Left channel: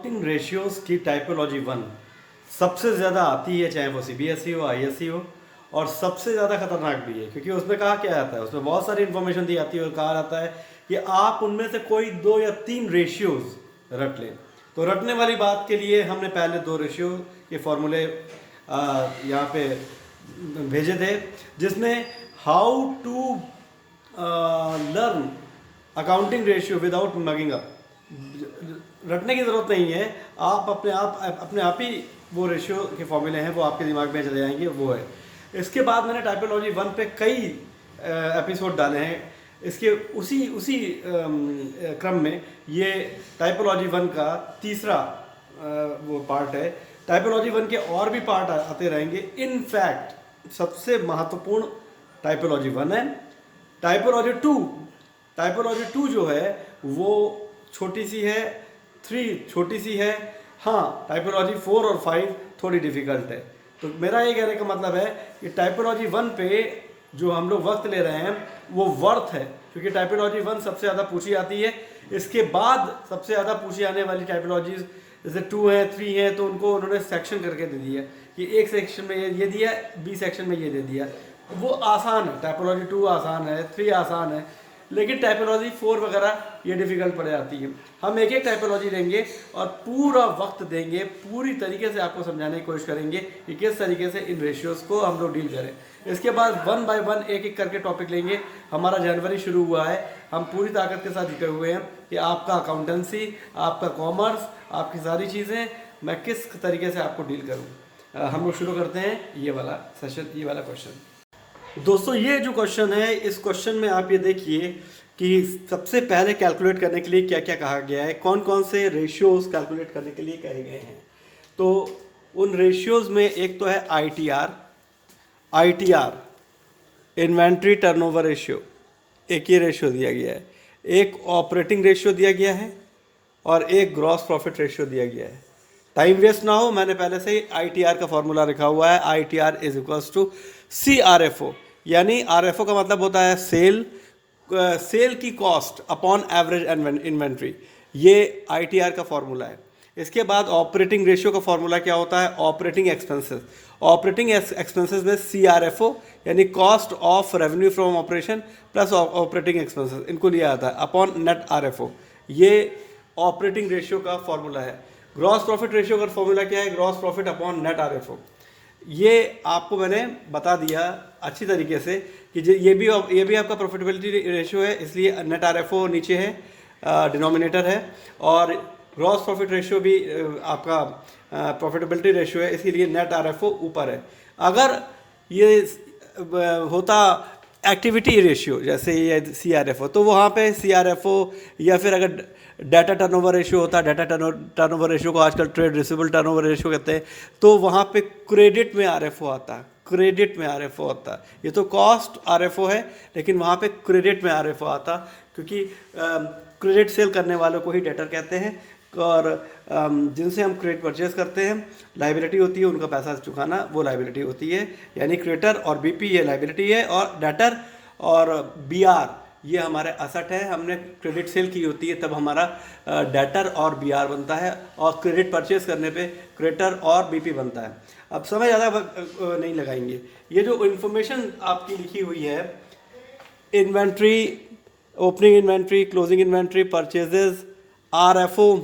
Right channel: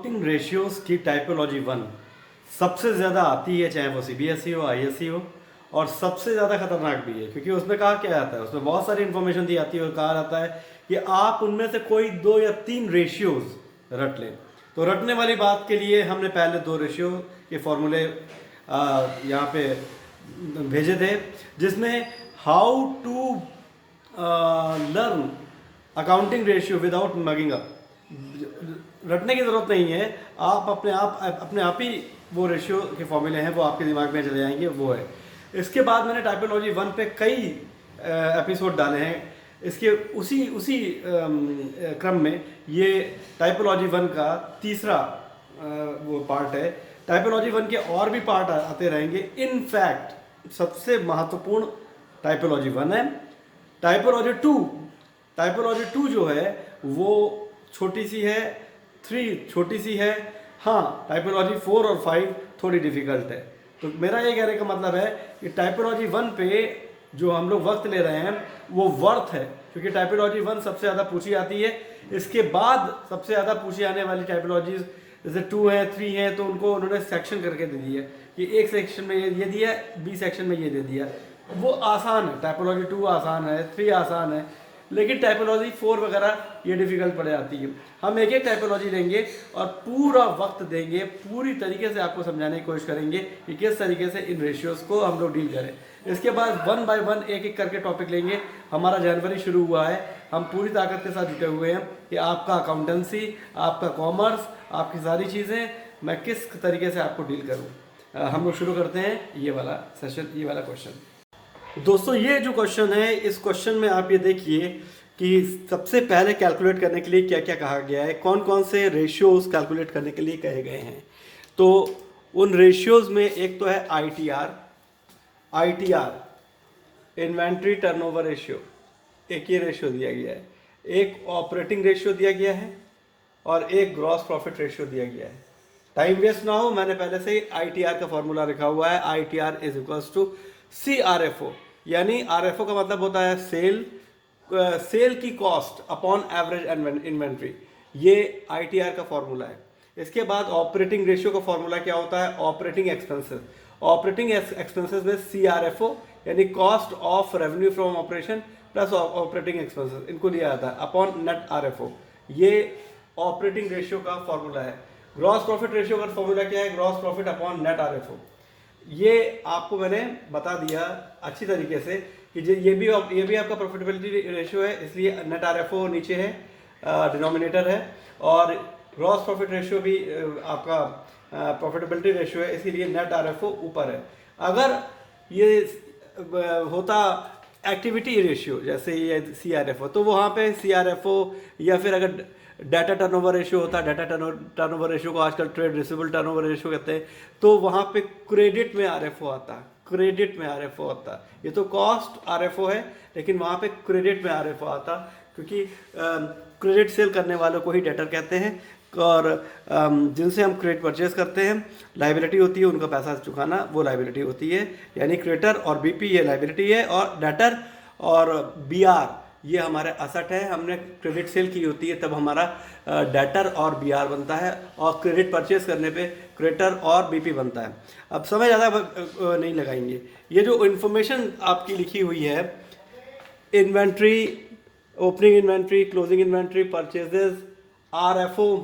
Accounting ratios की typology one सबसे ज़्यादा आती है, चाहे वो सीबीएसई हो, आईएससी हो, और सबसे ज़्यादा खतरनाक भी है क्योंकि उसमें कहा क्या आता है, उसमें बहुत सारी इन्फॉर्मेशन दी आती है और कहा जाता है कि आप उनमें से कोई 2 या 3 रेशियोज रट लें। तो रटने वाली बात के लिए हमने पहले 2 रेशियो के फॉर्मूले यहाँ पे भेजे थे, जिसमें how to learn accounting ratio without mugging up. रटने की ज़रूरत नहीं है, आप अपने आप ही वो रेशियो के फॉर्मूले हैं वो आपके दिमाग में चले जाएंगे, वो है। इसके बाद मैंने टाइपोलॉजी वन पे कई एपिसोड डाले हैं। इसके उसी क्रम में ये टाइपोलॉजी वन का तीसरा वो पार्ट है। टाइपोलॉजी वन के और भी पार्ट आते रहेंगे। इन फैक्ट सबसे महत्वपूर्ण टाइपोलॉजी वन है। टाइपोलॉजी टू जो है वो छोटी सी है, 3 छोटी सी है। हाँ, टाइपोलॉजी 4 और 5 थोड़ी डिफिकल्ट है। तो मेरा ये कहने का मतलब है कि टाइपोलॉजी वन पे जो हम लोग वक्त ले रहे हैं वो वर्थ है, क्योंकि टाइपोलॉजी वन सबसे ज़्यादा पूछी आती है। इसके बाद सबसे ज़्यादा पूछी आने वाली टाइपोलॉजीज जैसे 2 है, 3 है, तो उनको उन्होंने सेक्शन करके दे दिया कि एक सेक्शन में ये दिया, बी सेक्शन में ये दे दिया। वो आसान है, टाइपोलॉजी 2 आसान है, 3 आसान है, लेकिन टाइपोलॉजी 4 वगैरह ये डिफ़िकल्ट पड़ जाती है। हम एक एक टाइपोलॉजी लेंगे और पूरा वक्त देंगे, पूरी तरीके से आपको समझाने की कोशिश करेंगे कि किस तरीके से इन रेशियोज़ को हम लोग डील करें। इसके बाद 1 बाय 1 एक एक करके टॉपिक लेंगे। हमारा जनवरी शुरू हुआ है, हम पूरी ताकत के साथ जुटे हुए हैं कि आपका अकाउंटेंसी, आपका कॉमर्स, आपकी सारी चीज़ें मैं किस तरीके से आपको डील करूँ। हम लोग शुरू करते हैं ये वाला सेशन, ये वाला क्वेश्चन। दोस्तों, ये जो क्वेश्चन है, इस क्वेश्चन में आप ये देखिए कि सबसे पहले कैलकुलेट करने के लिए क्या क्या कहा गया है, कौन कौन से रेशियोज कैलकुलेट करने के लिए कहे गए हैं। तो उन रेशियोज में एक तो है आईटीआर इन्वेंट्री टर्नओवर रेशियो, एक ये रेशियो दिया गया है। एक ऑपरेटिंग रेशियो दिया गया है और एक ग्रॉस प्रॉफिट रेशियो दिया गया है। टाइम वेस्ट ना हो, मैंने पहले से ही आईटीआर का फॉर्मूला लिखा हुआ है। आईटीआर इज इक्वल्स टू सीआरएफओ, यानी आरएफओ का मतलब होता है सेल की कॉस्ट अपॉन एवरेज इन्वेंट्री। ये आईटीआर का फॉर्मूला है। इसके बाद ऑपरेटिंग रेशियो का फॉर्मूला क्या होता है, ऑपरेटिंग एक्सपेंसेस। ऑपरेटिंग एक्सपेंसेस में सीआरएफओ यानी cost of revenue from operation plus operating expenses, इनको लिया जाता है अपॉन नेट आरएफओ। ये ऑपरेटिंग रेशियो का फॉर्मूला है। ग्रॉस प्रॉफिट रेशियो का फॉर्मूला क्या है, gross profit upon net RFO. ये आपको मैंने बता दिया अच्छी तरीके से कि ये भी आपका प्रॉफिटेबिलिटी रेशियो है, इसलिए नेट आरएफओ नीचे है, डिनोमिनेटर है, और ग्रॉस प्रॉफिट रेशियो भी आपका प्रॉफिटेबिलिटी रेशियो है, इसीलिए नेट आरएफओ ऊपर है। अगर ये होता एक्टिविटी रेशियो जैसे ये सीआरएफओ, तो वहाँ पे सीआरएफओ, या फिर अगर डाटा टर्नओवर रेशियो होता, डाटा टर्नओवर रेशियो को आजकल ट्रेड रिसीवेबल टर्नओवर रेशियो कहते हैं, तो वहाँ पे क्रेडिट में आरएफओ आता है, क्रेडिट में आरएफओ आता है। ये तो कॉस्ट आरएफओ है, लेकिन वहाँ पे क्रेडिट में आरएफओ आता, क्योंकि क्रेडिट सेल करने वालों को ही डेटर कहते हैं, और जिनसे हम क्रेडिट परचेज करते हैं, लाइबिलिटी होती है, उनका पैसा चुकाना वो लाइबिलिटी होती है। यानी क्रेडिटर और बीपी ये लाइबिलिटी है, और डेटर और बीआर ये हमारे असेट है। हमने क्रेडिट सेल की होती है तब हमारा डेटर और बीआर बनता है, और क्रेडिट परचेज करने पे क्रेडिटर और बीपी बनता है। अब समय ज़्यादा नहीं लगाएंगे। ये जो इन्फॉर्मेशन आपकी लिखी हुई है, inventory, opening inventory, closing inventory, purchases, RFO,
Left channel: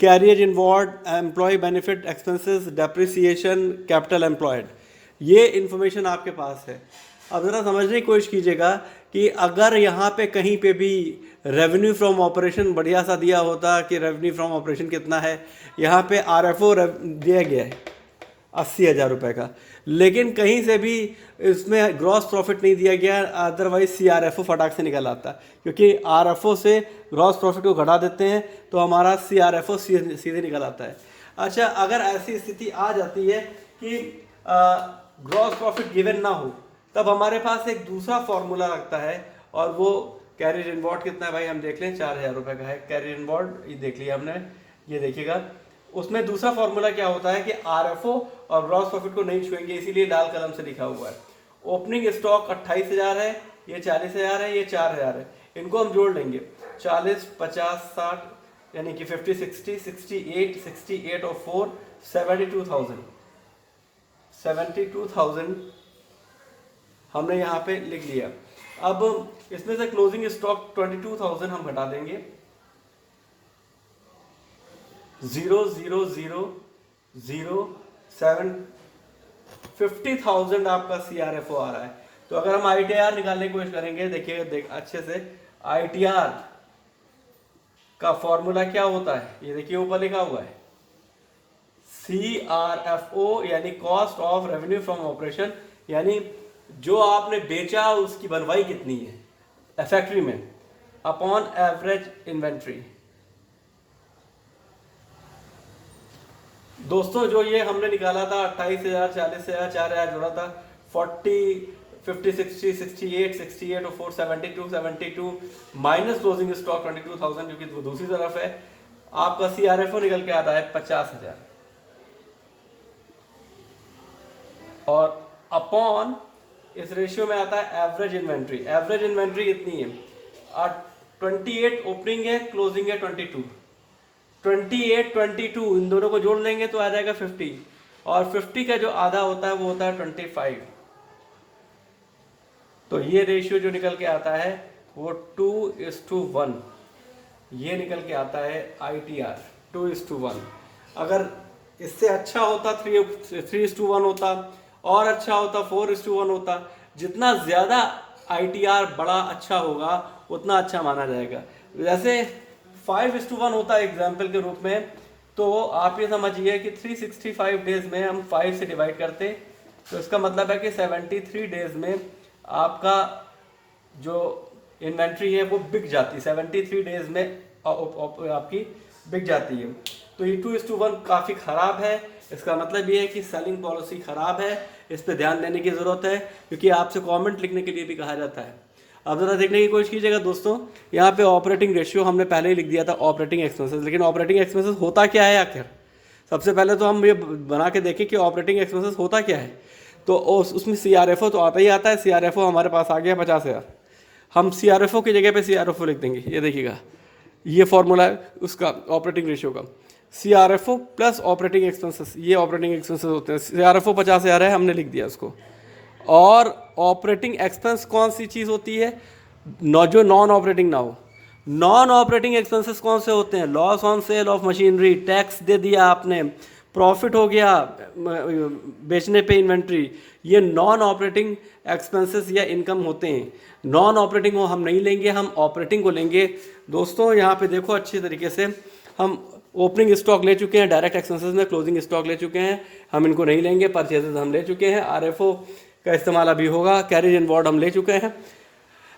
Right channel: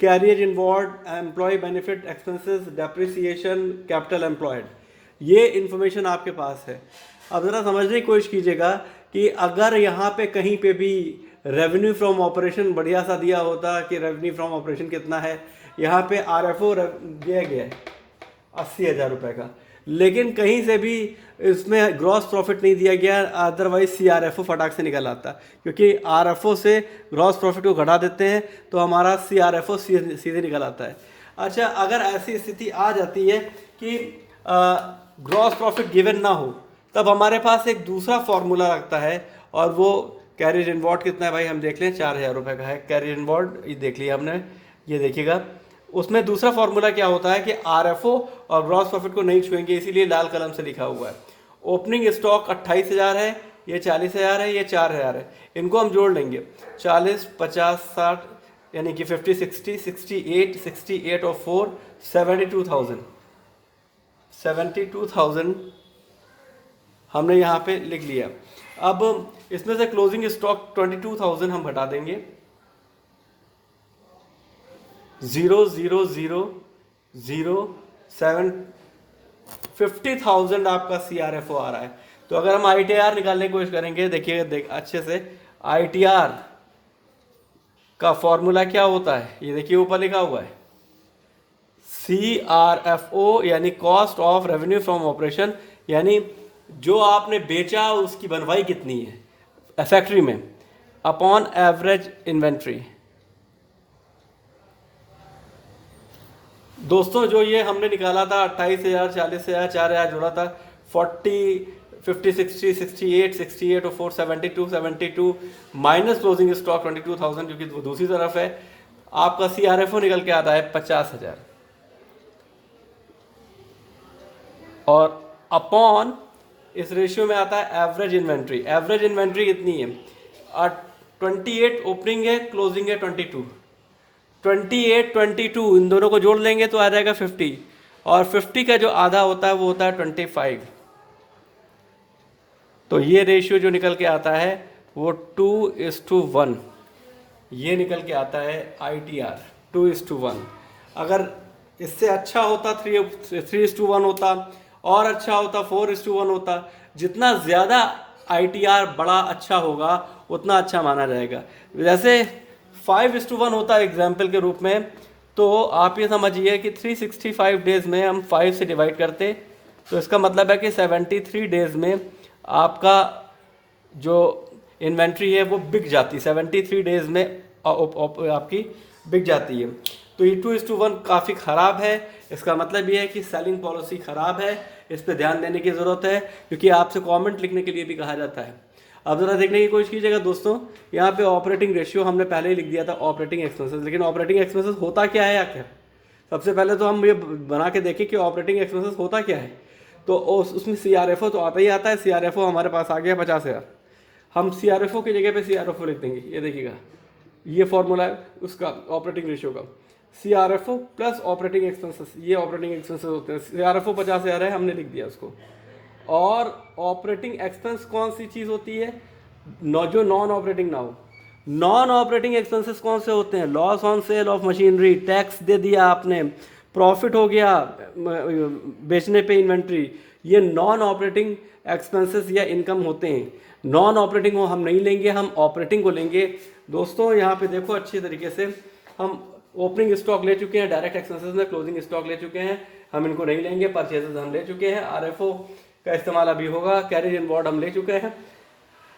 carriage inwards, employee benefit expenses, depreciation, capital employed, ये इन्फॉर्मेशन आपके पास है। अब ज़रा समझने की कोशिश कीजिएगा कि अगर यहाँ पे कहीं पे भी रेवेन्यू फ्रॉम ऑपरेशन बढ़िया सा दिया होता कि रेवेन्यू फ्रॉम ऑपरेशन कितना है, यहाँ पे आरएफओ दिया गया है 80,000 रुपये का, लेकिन कहीं से भी इसमें ग्रॉस प्रॉफिट नहीं दिया गया, अदरवाइज सीआरएफओ फटाक से निकल आता, क्योंकि आरएफओ से ग्रॉस प्रॉफिट को घटा देते हैं तो हमारा सीआरएफओ सीधे निकल आता है। अच्छा, अगर ऐसी स्थिति आ जाती है कि ग्रॉस प्रॉफिट गिवन ना हो, तब हमारे पास एक दूसरा फॉर्मूला लगता है, और वो कैरियर इनवॉर्ड कितना है भाई, हम देख लें, 4,000 रुपये का है कैरियर इनवॉर्ड, ये देख लिया हमने। ये देखिएगा, उसमें दूसरा फॉर्मूला क्या होता है कि आरएफओ और ग्रॉस प्रॉफिट को नहीं छुएंगे, इसीलिए लाल कलम से लिखा हुआ है। ओपनिंग स्टॉक 28,000 है, ये 40,000 है, ये 4,000 है, इनको हम जोड़ लेंगे, 40, 50, 60, यानी कि 50, 60, 68, 68 और 4 72,000 हमने यहाँ पे लिख लिया। अब इसमें से क्लोजिंग स्टॉक 22,000 हम घटा देंगे। 0,0,0,0,7 50,000 आपका CRFO आ रहा है। तो अगर हम ITR निकालने की कोशिश करेंगे, देखिए अच्छे से, ITR का फॉर्मूला क्या होता है, ये देखिए ऊपर लिखा हुआ है, CRFO यानी cost of revenue from operation, यानी जो आपने बेचा उसकी बनवाई कितनी है फैक्ट्री में, अपॉन एवरेज इन्वेंट्री। दोस्तों जो ये हमने निकाला था 28,000, 40,000, 4,000 जोड़ा था, 40, 50, 60, 68, 68 और 4 72 माइनस क्लोजिंग स्टॉक 22,000 जो कि दूसरी तरफ है, आपका CRFO निकल के आता है 50,000 और अपॉन इस रेशियो में आता है एवरेज इन्वेंट्री। एवरेज इन्वेंट्री कितनी है, 28 ओपनिंग है, क्लोजिंग है 22, 28, 22 इन दोनों को जोड़ लेंगे तो आ जाएगा 50, और 50 का जो आधा होता है वो होता है 25। तो ये रेशियो जो निकल के आता है वो 2:1, ये निकल के आता है ITR 2:1। अगर इससे अच्छा होता 3:1 होता, और अच्छा होता 4:1 होता। जितना ज़्यादा ITR बड़ा अच्छा होगा उतना अच्छा माना जाएगा। जैसे 5:1 होता है एग्जाम्पल के रूप में, तो आप ये समझिए कि 365 डेज में हम 5 से डिवाइड करते, तो इसका मतलब है कि 73 डेज में आपका जो इन्वेंट्री है वो बिक जाती है, 73 डेज में आपकी बिक जाती है। तो ये 2:1 काफ़ी ख़राब है। इसका मतलब ये है कि सेलिंग पॉलिसी ख़राब है, इस पर ध्यान देने की ज़रूरत है, क्योंकि आपसे कमेंट लिखने के लिए भी कहा जाता है। अब ज़रा देखने की कोशिश कीजिएगा दोस्तों, यहाँ पे ऑपरेटिंग रेशियो हमने पहले ही लिख दिया था ऑपरेटिंग एक्सपेंसेस, लेकिन ऑपरेटिंग एक्सपेंसेस होता क्या है आखिर। सबसे पहले तो हम ये बना के देखें कि ऑपरेटिंग एक्सपेंसेस होता क्या है। तो उसमें CRFO तो आता ही आता है। CRFO हमारे पास आ गया 50,000, हम CRFO की जगह पे CRFO लिख देंगे। ये देखिएगा, ये फॉर्मूला है उसका ऑपरेटिंग रेशियो का, CRFO प्लस ऑपरेटिंग एक्सपेंसेस, ये ऑपरेटिंग एक्सपेंसेस होते हैं। CRFO 50,000 है, हमने लिख दिया उसको। और ऑपरेटिंग एक्सपेंस कौन सी चीज़ होती है, जो नॉन ऑपरेटिंग ना हो। नॉन ऑपरेटिंग एक्सपेंसेस कौन से होते हैं, loss on sale of machinery, tax दे दिया आपने, प्रॉफिट हो गया बेचने पे इन्वेंट्री, ये नॉन ऑपरेटिंग एक्सपेंसेस या इनकम होते हैं। नॉन ऑपरेटिंग को हम नहीं लेंगे, हम ऑपरेटिंग को लेंगे। दोस्तों यहाँ पे देखो अच्छी तरीके से, हम ओपनिंग स्टॉक ले चुके हैं, डायरेक्ट एक्सपेंसेस में क्लोजिंग स्टॉक ले चुके हैं, हम इनको नहीं लेंगे। परचेजेस हम ले चुके हैं, RFO का इस्तेमाल अभी होगा, कैरेज इनवॉर्ड हम ले चुके हैं।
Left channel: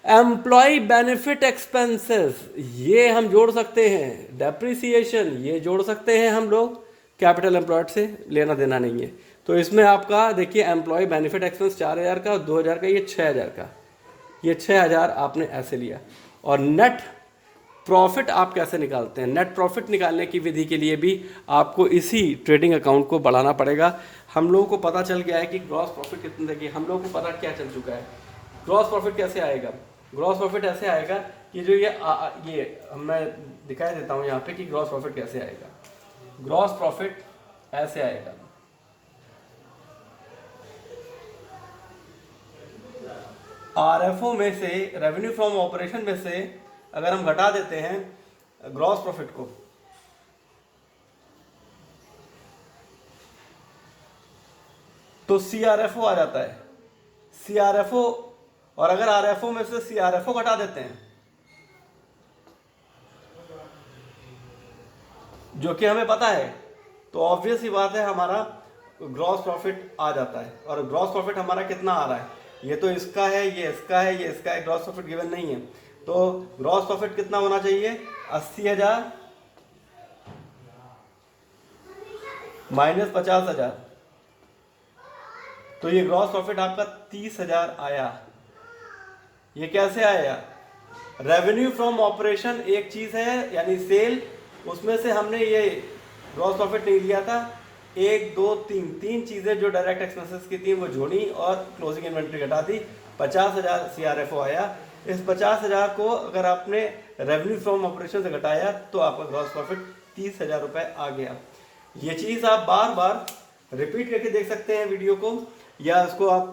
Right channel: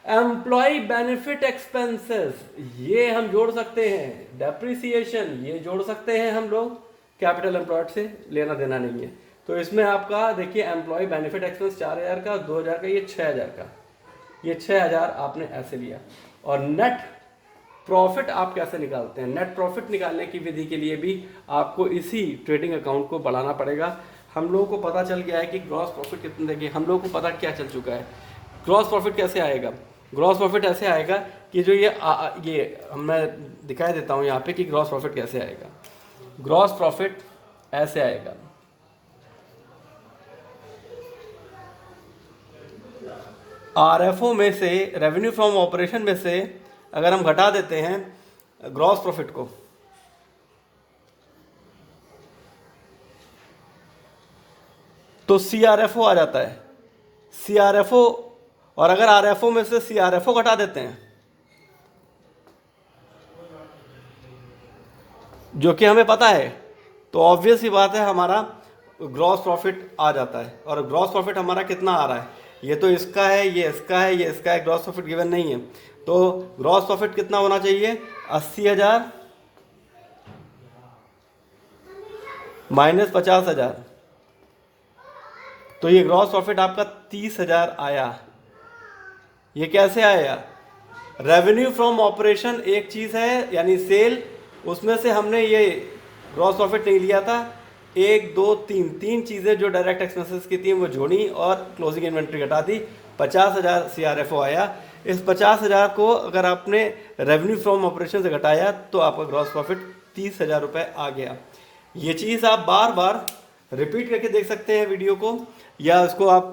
एम्प्लॉय बेनिफिट एक्सपेंसेस ये हम जोड़ सकते हैं, डेप्रिसिएशन ये जोड़ सकते हैं हम लोग, कैपिटल एम्प्लॉयड से लेना देना नहीं है। तो इसमें आपका देखिए एम्प्लॉय बेनिफिट एक्सपेंस 4,000 का, 2,000 का, ये 6,000 का, ये 6,000 आपने ऐसे लिया। और नेट प्रॉफिट आप कैसे निकालते हैं, नेट प्रॉफिट निकालने की विधि के लिए भी आपको इसी ट्रेडिंग अकाउंट को बढ़ाना पड़ेगा। हम लोगों को पता चल गया है कि ग्रॉस प्रॉफिट कितने देंगे, हम लोगों को पता क्या चल चुका है। ग्रॉस प्रॉफिट कैसे आएगा, ग्रॉस प्रॉफिट ऐसे आएगा कि जो ये मैं दिखाई देता हूँ यहाँ पे कि ग्रॉस प्रॉफिट कैसे आएगा। ग्रॉस प्रॉफिट ऐसे आएगा, RFO में से, रेवेन्यू फ्रॉम ऑपरेशन में से अगर हम घटा देते हैं ग्रॉस प्रॉफिट को, तो CRFO आ जाता है। CRFO, और अगर RFO में से CRFO घटा देते हैं, जो कि हमें पता है, तो ऑब्वियस ही बात है हमारा ग्रॉस प्रॉफिट आ जाता है। और ग्रॉस प्रॉफिट हमारा कितना आ रहा है, ये तो इसका है, ये इसका है, ये इसका है, ग्रॉस प्रॉफिट गिवन नहीं है। तो ग्रॉस प्रॉफिट कितना होना चाहिए, 80,000 माइनस 50,000, तो ये ग्रॉस प्रॉफिट आपका 30,000 आया। ये कैसे आया, रेवेन्यू फ्रॉम ऑपरेशन एक चीज़ है यानी सेल, उसमें से हमने ये ग्रॉस प्रॉफिट नहीं लिया था, 1, 2, 3 चीज़ें जो डायरेक्ट एक्सपेंसेस की थी वो जोड़ी और क्लोजिंग इन्वेंट्री घटा दी, 50,000 CRFO आया। इस 50,000 को अगर आपने रेवेन्यू फ्रॉम ऑपरेशन से घटाया तो आपका ग्रॉस प्रॉफिट 30,000 रुपये आ गया। ये चीज़ आप बार बार रिपीट करके देख सकते हैं वीडियो को, या इसको आप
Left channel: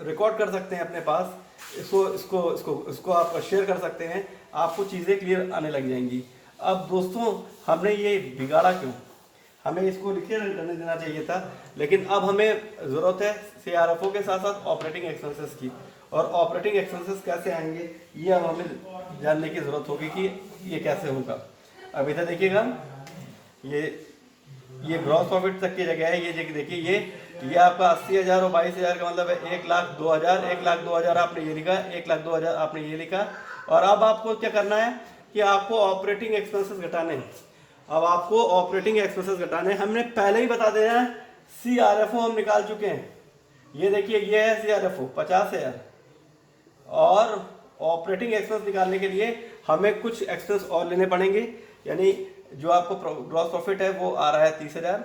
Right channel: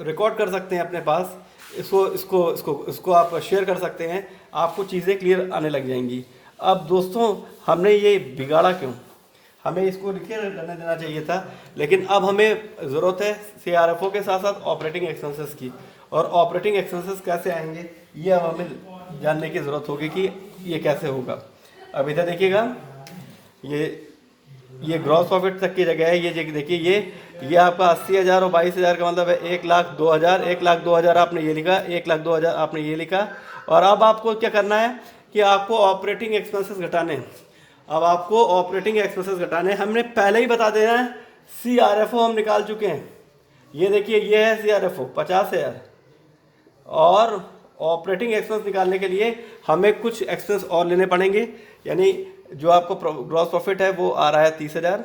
रिकॉर्ड कर सकते हैं अपने पास, इसको इसको इसको इसको आप शेयर कर सकते हैं, आपको चीज़ें क्लियर आने लग जाएंगी। अब दोस्तों हमने ये बिगाड़ा क्यों? हमें इसको लिखे रहने देना चाहिए था, लेकिन अब हमें ज़रूरत है CRFO के साथ साथ ऑपरेटिंग एक्सपेंसेस की, और ऑपरेटिंग एक्सपेंसेस कैसे आएंगे ये अब हमें जानने की ज़रूरत होगी कि ये कैसे होगा। अब इधर देखिएगा, ये ग्रॉस प्रॉफिट तक की जगह है, ये देखिए ये आपका 80,000 और 22,000 का मतलब है 1,02,000। 1,02,000 आपने ये लिखा, 1,02,000 आपने ये लिखा। और अब आपको क्या करना है कि आपको ऑपरेटिंग एक्सपेंसेस घटाने हैं। अब आपको ऑपरेटिंग एक्सपेंसेस घटाने, हमने पहले ही बता देना है। CRFO हम निकाल चुके हैं, ये देखिए ये है CRFO 50,000। और ऑपरेटिंग एक्सपेंस निकालने के लिए हमें कुछ एक्सपेंस और लेने पड़ेंगे, यानी जो आपको ग्रॉस प्रॉफिट है वो आ रहा है 30,000।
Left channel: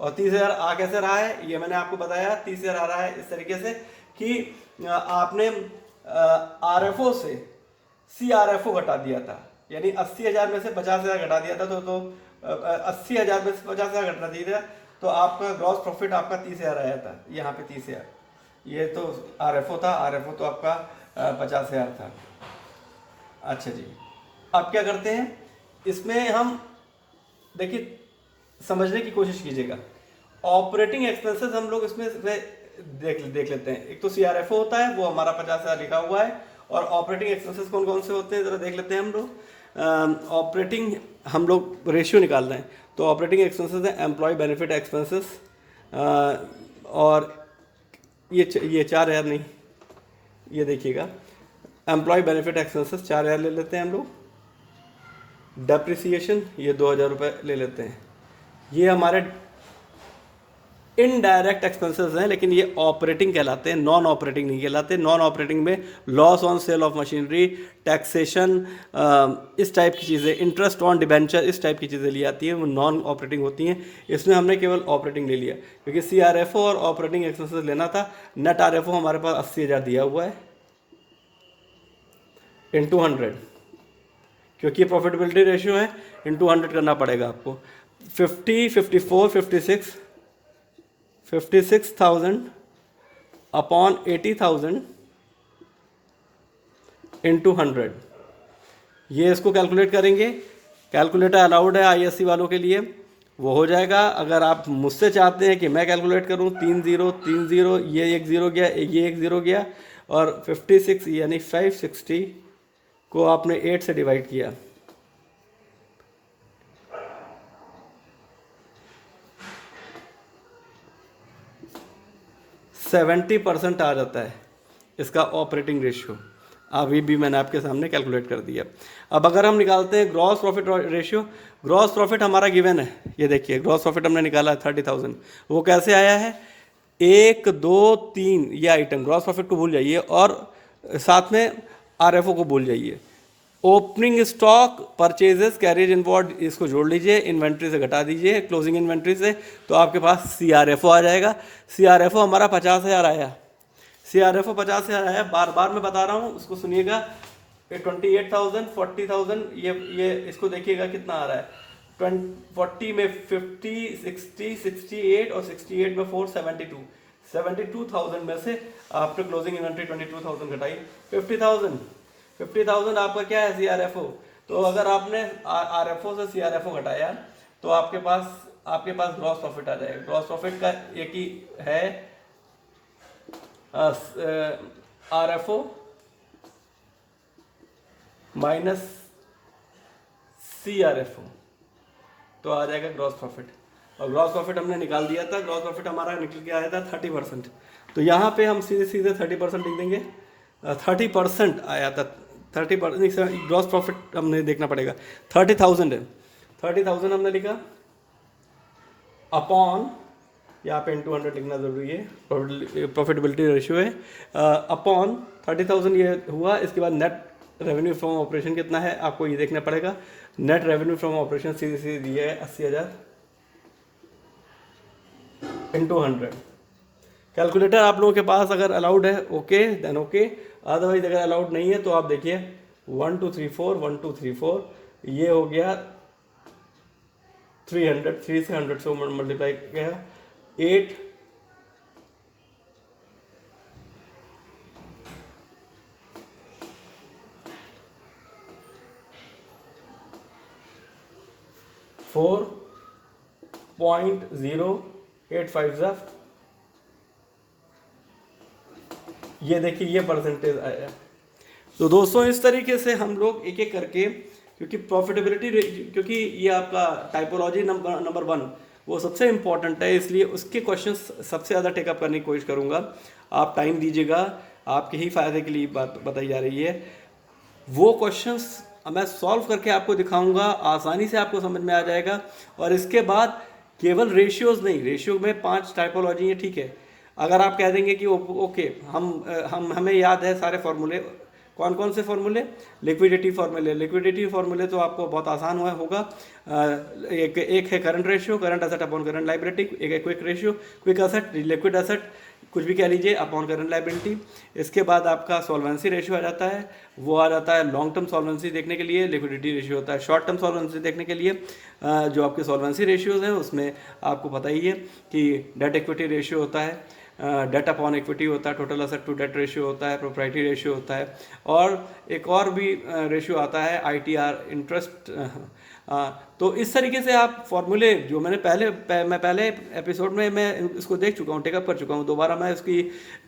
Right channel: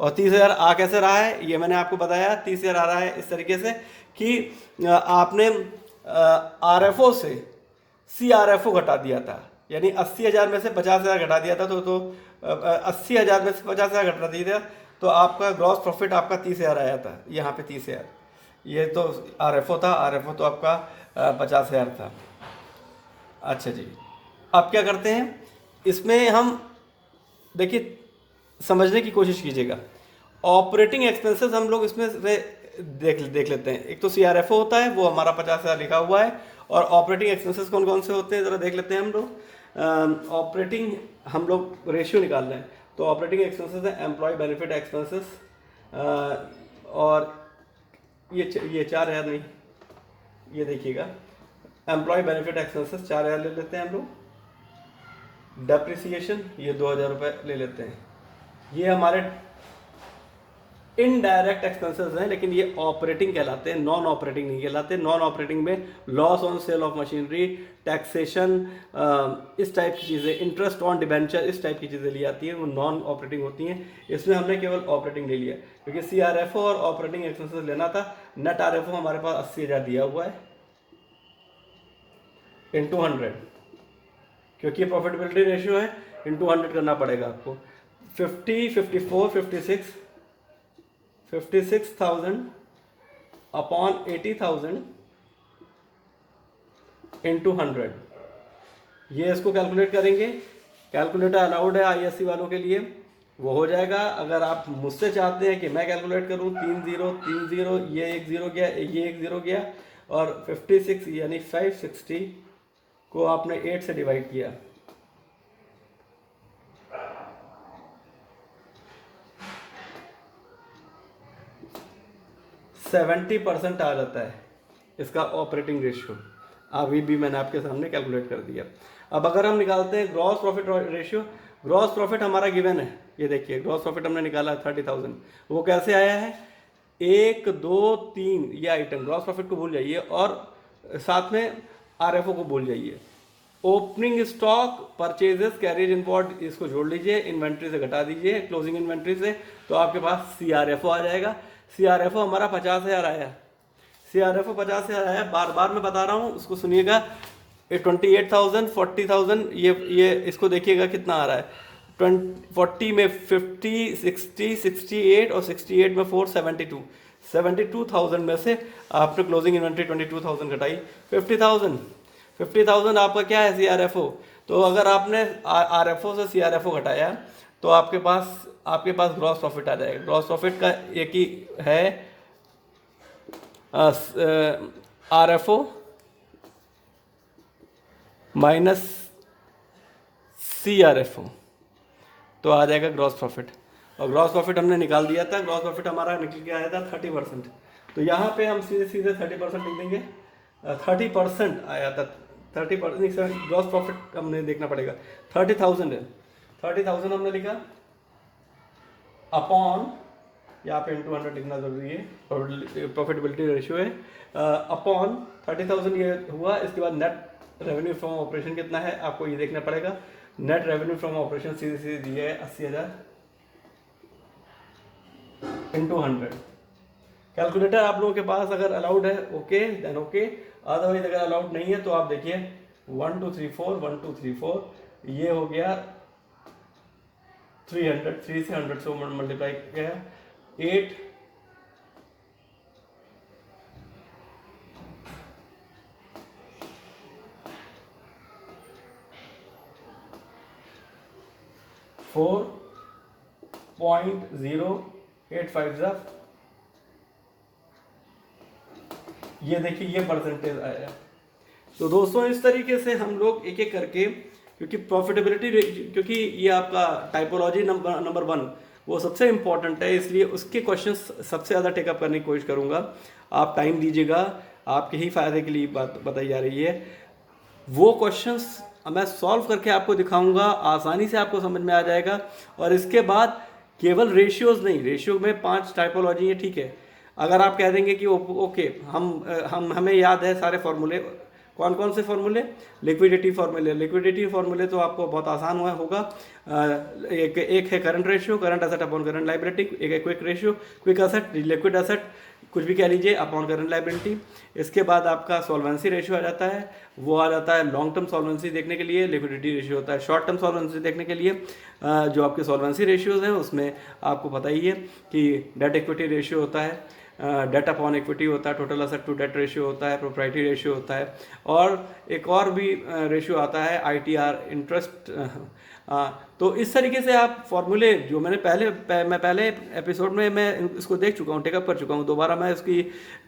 और 30,000 आ कैसे रहा है ये मैंने आपको बताया। 30,000 आ रहा है इस तरीके से कि आपने RFO से CRFO घटा दिया था, यानी 80,000 में से 50,000 घटा दिया था, तो 80,000 में से 50,000 घटा दिया था, तो आपका ग्रॉस प्रॉफिट आपका 30,000 आया था। यहाँ पे 30,000, ये तो RFO था, RFO तो आपका 50,000 था। अच्छा जी, अब क्या करते हैं इसमें हम देखिए समझने की कोशिश कीजिएगा। ऑपरेटिंग एक्सपेंसेस हम लोग इसमें से देख लेते हैं। एक तो CRFO होता है, वो हमारा 50,000 लिखा हुआ है। और ऑपरेटिंग एक्सपेंसेस कौन कौन से होते हैं ज़रा देख लेते हैं हम लोग। ऑपरेटिंग हम लोग रेशियो निकाल रहे हैं, तो ऑपरेटिंग एक्सपेंसेस है एम्प्लॉय बेनिफिट एक्सपेंसेस, और ये 4,000 नहीं, ये देखिएगा एम्प्लॉय बेनिफिट एक्सपेंसेस 4,000 ले लेते हैं हम लोग। डेप्रिसिएशन ये 2,000 रुपये ले लेते हैं। ये हमारे इनडायरेक्ट एक्सपेंसेस हैं, लेकिन ये ऑपरेटिंग कहलाते हैं, नॉन ऑपरेटिंग नहीं कहलाते। नॉन ऑपरेटिंग में loss on sale of machinery, taxation, इस टाइप की चीज़ें, इंटरेस्ट ऑन डिबेंचर, इस टाइप की चीज़ें ली आती हैं, वो नॉन ऑपरेटिंग होती हैं। इसमें हमने केवल ऑपरेटिंग ले लिया, क्योंकि CRFO और ऑपरेटिंग एक्सपेंसेस लेना था। नेट RFO हमारे पास 80,000 दिया हुआ है इंटू 100, क्योंकि प्रॉफिटेबिलिटी रेशियो है, इंटू 100 करना पड़ेगा आपको। 50, 54, 56,000 अपॉन 80,000 इंटू 100, ये इसको कैलकुलेट करेंगे। कैलकुलेटर अलाउड है ISC वालों के लिए, वो हो जाएगा। अगर आप मुझसे चाहते हैं कि मैं कैलकुलेट करूं, 3 0 3 0, ये 1 0 गया, ये 1 0 गया, और 56 यानी 560 को आपने 8 से डिवाइड किया, 70% आ जाता है इसका ऑपरेटिंग रेशियो। अभी भी मैंने आपके सामने कैलकुलेट कर दिया। अब अगर हम निकालते हैं gross profit ratio, gross profit हमारा गिवन है, ये देखिए ग्रॉस प्रॉफिट हमने निकाला 30,000। वो कैसे आया है? 1 2 3 ये आइटम, ग्रॉस प्रॉफिट को भूल जाइए और साथ में RFO को भूल जाइए। Opening stock, purchases, carriage inward, इसको जोड़ लीजिए, इन्वेंट्री से घटा दीजिए, क्लोजिंग इन्वेंट्री से, तो आपके पास CRFO आ जाएगा। CRFO हमारा 50,000 आया। CRFO 50,000 आया, बार बार मैं बता रहा हूँ, उसको सुनिएगा। 28,000, 40,000, ये इसको देखिएगा कितना आ रहा है। 40 में 50, 60, 68 और 68 में 4, 72,000 में से आपने क्लोजिंग इन्वेंट्री 22,000 घटाई, 50,000 आपका क्या है CRFO। तो अगर आपने RFO से CRFO घटाया तो आपके पास ग्रॉस प्रॉफिट आ जाएगा। ग्रॉस प्रॉफिट का एक ही है RFO माइनस CRFO, तो आ जाएगा ग्रॉस प्रॉफिट। और ग्रॉस प्रॉफिट हमने निकाल दिया था, ग्रॉस प्रॉफिट हमारा निकल के आया था 30%। तो यहाँ पे हम सीधे 30% लिख देंगे। 30% आया था, 30% ग्रॉस प्रॉफिट हमने देखना पड़ेगा। 30,000 है, 30,000 हमने लिखा अपॉन, यहाँ पे इंटू 100 लिखना जरूरी है, प्रॉफिटेबिलिटी रेशियो है, अपॉन 30,000 ये हुआ। इसके बाद नेट रेवेन्यू फ्रॉम ऑपरेशन कितना है आपको ये देखना पड़ेगा। नेट रेवेन्यू फ्रॉम ऑपरेशन सीधे दिया है 80,000 इंटू 100। कैलकुलेटर आप लोगों के पास अगर अलाउड है ओके देन ओके, अदरवाइज अगर अलाउड नहीं है तो आप देखिए 1 2 3 4 1 2 3 4, ये हो गया 300, 3 से 100 से मल्टीप्लाई किया 8 4.085 ये देखिए ये परसेंटेज आया। तो दोस्तों इस तरीके से हम लोग एक एक करके, क्योंकि प्रॉफिटेबिलिटी, क्योंकि ये आपका टाइपोलॉजी नंबर 1 वो सबसे इम्पॉर्टेंट है, इसलिए उसके क्वेश्चंस सबसे ज़्यादा टेकअप करने की कोशिश करूँगा। आप टाइम दीजिएगा, आपके ही फ़ायदे के लिए बात बताई जा रही है। वो क्वेश्चंस मैं सॉल्व करके आपको दिखाऊंगा, आसानी से आपको समझ में आ जाएगा। और इसके बाद केवल रेशियोज नहीं, रेशियो में 5 टाइपोलॉजी है, ठीक है। अगर आप कह देंगे कि ओके हमें याद है सारे फॉर्मूले, कौन कौन से फॉर्मूले, लिक्विडिटी फॉर्मूले तो आपको बहुत आसान होगा। एक है current ratio, current asset upon current liability, एक है quick ratio, quick asset liquid asset कुछ भी कह लीजिए अपॉन करंट लाइबिलिटी। इसके बाद आपका सॉल्वेंसी रेशियो आ जाता है, वो आ जाता है लॉन्ग टर्म सॉल्वेंसी देखने के लिए, लिक्विडिटी रेशियो होता है शॉर्ट टर्म सॉल्वेंसी देखने के लिए। जो आपके सॉल्वेंसी रेशियोज हैं उसमें आपको पता ही है कि डेट इक्विटी रेशियो होता है, डेट अपॉन इक्विटी होता है, total asset to debt ratio होता है, प्रोप्राइटरी रेशियो होता है, और एक और भी रेशियो आता है ITR इंटरेस्ट। तो इस तरीके से आप फॉर्मूले जो मैं पहले एपिसोड में मैं इसको देख चुका हूँ, टेकअप कर चुका हूँ। दोबारा मैं इसकी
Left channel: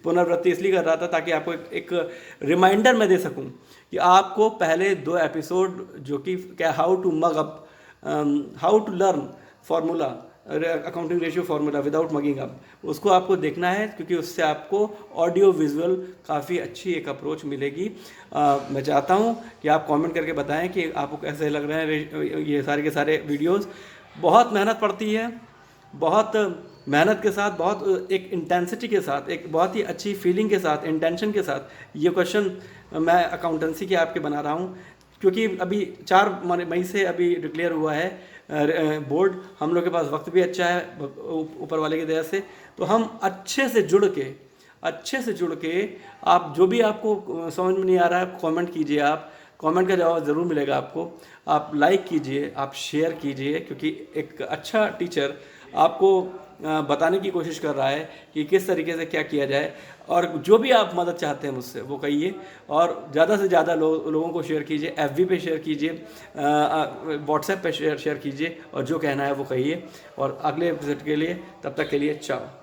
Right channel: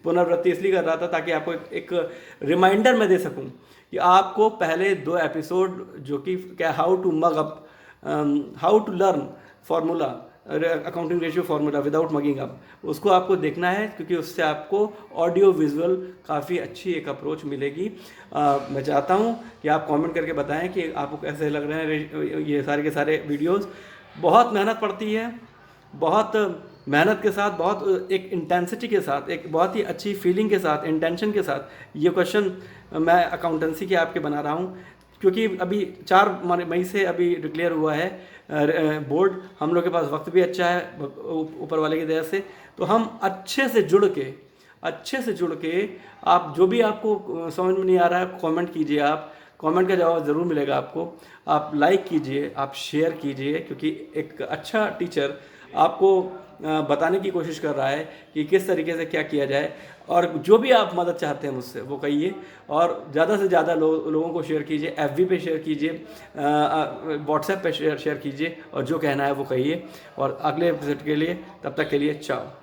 पुनरावृत्ति इसलिए कर रहा था ताकि आपको एक रिमाइंडर मैं दे सकूँ कि आपको पहले 2 एपिसोड जो कि क्या how to mug up, how to learn formula accounting ratio formula without mugging up, उसको आपको देखना है, क्योंकि उससे आपको ऑडियो विजुअल काफ़ी अच्छी एक अप्रोच मिलेगी। मैं चाहता हूँ कि आप कमेंट करके बताएं कि आपको कैसे लग रहे हैं ये सारे के सारे वीडियोस। बहुत मेहनत पड़ती है, बहुत मेहनत के साथ, बहुत एक इंटेंसिटी के साथ, एक बहुत ही अच्छी फीलिंग के साथ, इंटेंशन के साथ ये क्वेश्चन मैं अकाउंटेंसी के आपके बना रहा हूँ, क्योंकि अभी 4 मई से अभी डिक्लेयर हुआ है बोर्ड। हम लोग के पास वक्त भी अच्छा है ऊपर वाले की दया से, तो हम अच्छे से जुड़ के आप जो भी आपको समझ में नहीं आ रहा है कमेंट कीजिए, आप कमेंट का जवाब ज़रूर मिलेगा आपको। आप लाइक कीजिए, आप शेयर कीजिए, क्योंकि एक अच्छा टीचर आपको बताने की कोशिश कर रहा है कि किस तरीके से क्या किया जाए। और जो भी आप मदद चाहते हैं मुझसे वो कहिए, और ज़्यादा से ज़्यादा लोगों को शेयर कीजिए, FB पे शेयर कीजिए, WhatsApp पे शेयर कीजिए, और जो कहना है वो कहिए। और अगले एपिसोड के लिए, तब तक के लिए चाओ।